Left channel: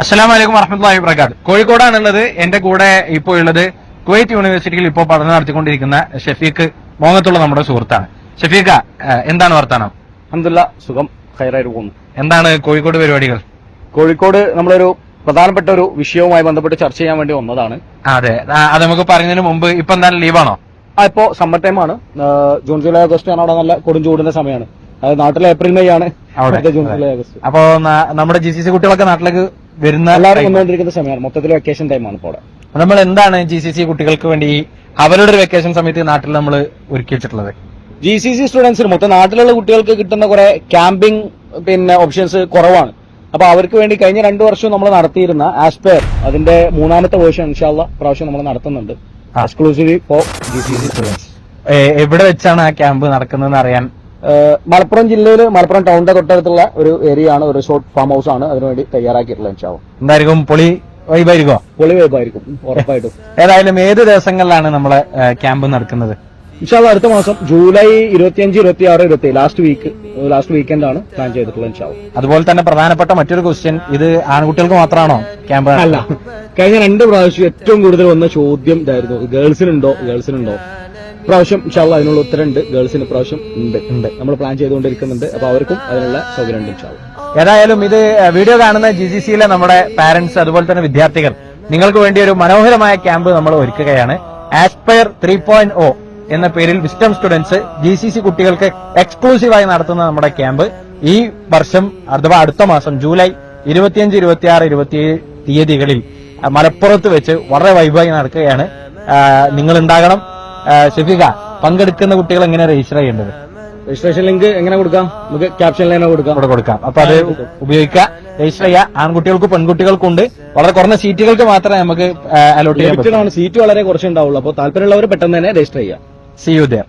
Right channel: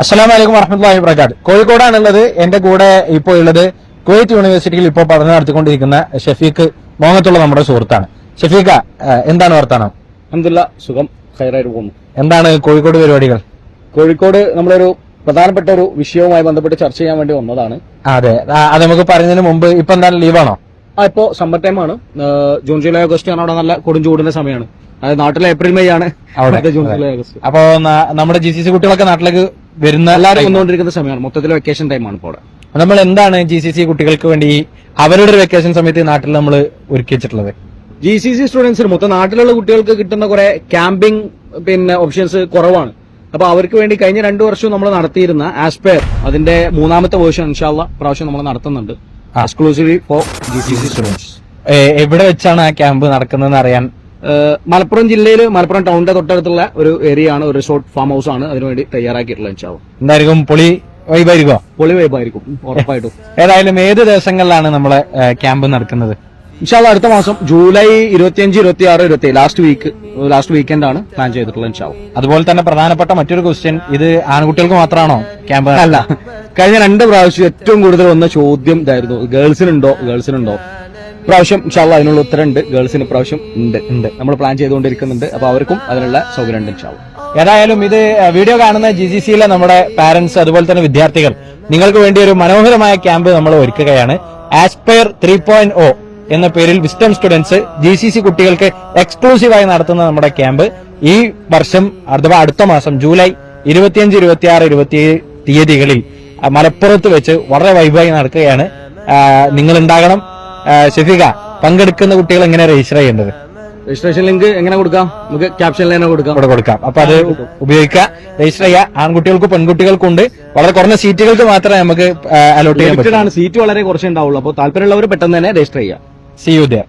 അസ്സലാമു അലൈക്കും വറഹ്മത്തുള്ളാഹി വബറകാതുഹു. കോഴിക്കോടാണുള്ളത്. എന്റെ കൂടെ ഇപ്പോൾ ഉള്ളത് കുവൈറ്റ് യൂണിവേഴ്സിറ്റിയിൽ ഇപ്പോൾ പഠനം നടത്തിക്കൊണ്ടിരിക്കുന്ന ഷഫീഖ് മോങ്ങത്തുള്ള നമ്മുടെ സുഹൃത്താണ്. ഷഫീഖ, എന്താണ് വർത്താനം? അൽഹംദുലില്ലാ, സുഖം, ഖൈറായിട്ട് പോകുന്നു. എന്താണ് കോഴിക്കോട് പരിപാടികൾ? കോഴിക്കോട് നമ്മളൊരു പ്രധാനപ്പെട്ട ഒരു വിഷയവുമായി ബന്ധപ്പെട്ട് ചർച്ച ചെയ്യാൻ വേണ്ടി വന്നതാണ്. അതെ, അത് നമുക്ക് പറയുന്നതിന് മുമ്പ് ഇപ്പൊ എന്താണ് ലീവാണോ? ഇപ്പോ സമ്മർ ടൈം ആണ്. ജൂൺ ജൂലൈ ഓഗസ്റ്റ് ആണ് അവിടെ നല്ല കൊടും ചൂടിന്റെ സമയമാണ്. അതായത് നാട്ടിലെ ഏപ്രിൽ മെയ് ആണ് അവിടെ ജൂൺ ജൂലൈ ഓഗസ്റ്റ്. അപ്പോ നമ്മുടെ GCC കുട്ടികളൊക്കെ നാട്ടിലേക്ക് വരുന്ന എല്ലാവരും വന്നുകൊണ്ടിരിക്കുന്ന സമയമാണ്. മൊത്തത്തിൽ വെക്കേഷൻ ടൈമാണ് ഇപ്പോൾ അവിടെ. നമ്മൾ എന്താണ് GCC കുട്ടികൾക്ക് വേണ്ടി അവരുടെ ഒരു വെക്കേഷൻ സമയത്ത് നാട്ടിൽ നമ്മൾ ഒരുക്കി വെച്ചിട്ടുള്ളത്? GCC സ്റ്റുഡൻസിന് മൊത്തം നാട്ടിലുള്ള കുട്ടികൾക്ക് കിട്ടുന്ന കുറെ ക്യാമ്പിംഗ് ഓപ്ഷൻസ് കുറവാണ്. അപ്പൊ അവർക്ക് വേണ്ടി കഴിഞ്ഞ 2 വർഷവും നമ്മൾ നടത്തിയിരുന്ന ആസ്പയർ അതിന്റെ 3ാമത്തെ വേർഷൻ ഇൻഷാല്ലാ പ്രാവശ്യം നമ്മൾ നടത്തുന്നുണ്ട്, എക്സ്ക്ലൂസീവ്ലി ഫോർ GCC സ്റ്റുഡൻസ്. എവിടെ വെച്ചാണ് ആ ക്യാമ്പ് നടക്കുന്നതെന്ന് അറിയാൻ? മലപ്പുറം ജില്ലയിൽ മലപ്പുറം ടൗണിന്റെ തൊട്ടടുത്തുള്ള ഒരു ഏരിയ ആണ്, ഒരു റിസോർട്ട് ഫാം ഹൗസ് ആണ് അതിനുവേണ്ടി തയ്യാറാക്കിയിട്ടുള്ളത്. ഇൻഷാല്ലാ എന്തായിരിക്കും? പൊളി വൈബായിരിക്കോ? പൊളി വൈബായിരിക്കും ഉറപ്പായിട്ടും. ഏതായാലും ഏത് ദിവസങ്ങളിലാണ് നമ്മളെ ക്യാമ്പ് നടക്കുന്നത്? ഇൻഷാല്ലാ അടുത്ത മാസം ജൂലൈ 25, 26, 27 ലാസ്റ്റ് വീക്കെൻഡ് ആണ് പ്ലാൻ ചെയ്തിട്ടുള്ളത്. ഇൻഷാല്ലാ അതുപോലെ തന്നെ പ്രധാനപ്പെട്ട മറ്റൊരു ക്വസ്റ്റ്യൻ, ഇത് ആൺകുട്ടികൾക്ക് മാത്രമാണോ ക്യാമ്പ്? അല്ല, കഴിഞ്ഞ 2 പ്രാവശ്യം ഏറ്റവും കൂടുതൽ വന്ന ചോദ്യം ഇതായിരുന്നു, ഗേൾസിനുണ്ടോ. പ്രാവശ്യം ഇൻഷാല്ലാ അതിനുള്ള ഉത്തരമുണ്ട്. ഗേൾസിന് പ്രാവശ്യം ഉണ്ട്. നമ്മൾ പ്ലാൻ ചെയ്തുകൊണ്ടിരിക്കുന്നുണ്ട്. അപ്പൊ അവർക്കും അതിനുള്ള സൗകര്യം ഉണ്ട് ഇൻഷാല്ലാ. ഏതായാലും ഇത് വീഡിയോ കാണുന്ന GCCയിലെ നമ്മുടെ പാരന്റ്സ് അതുപോലെ തന്നെ വിദ്യാർത്ഥികൾ നിങ്ങൾക്ക് വേണ്ടി ഒരു മനോഹരമായ ക്യാമ്പ് നമ്മൾ ഒരുക്കുകയാണ്. ആസ്പയർ 3.0 എന്ന പേരിൽ വിസ്റ്റം സ്റ്റുഡൻസ് GCC കുട്ടികൾക്ക് എക്സ്ക്ലൂസീവായി നടത്തുന്ന നമ്മുടെ ക്യാമ്പ് ഈ വർഷം അഥവാ അടുത്ത മാസം ജൂലൈ 25, 26, 27 തീയതികളിൽ മലപ്പുറത്ത് വെച്ച് വളരെ വൈബായി നടക്കുകയാണ്. നിങ്ങൾ ഉണ്ടാകണം. ഷഫീഖ, പങ്കെടുക്കുന്ന കുട്ടികൾ എങ്ങനെ രജിസ്റ്റർ ചെയ്യേണ്ടത്? രജിസ്ട്രേഷൻ ലിങ്ക് എങ്ങനെ കൊടുക്കാം? നമുക്ക് ക്യാപ്ഷനിൽ തന്നെ കൊടുക്കാം. അപ്പൊ അത് ഉപയോഗിക്കുക, രജിസ്റ്റർ ചെയ്യുക. ആൺകുട്ടികൾക്കും പെൺകുട്ടികൾക്കും ഉണ്ട്. വളരെ കുറഞ്ഞ സീറ്റുകൾക്ക് മാത്രമേ നമുക്ക് അലോട്ട് ചെയ്യാൻ പറ്റൂ. സീറ്റ് വളരെ കുറച്ചുണ്ടാവുള്ളൂ. അപ്പോൾ താല്പര്യമുള്ളവർ പെട്ടെന്ന് തന്നെ രജിസ്റ്റർ ചെയ്യാം. See you there.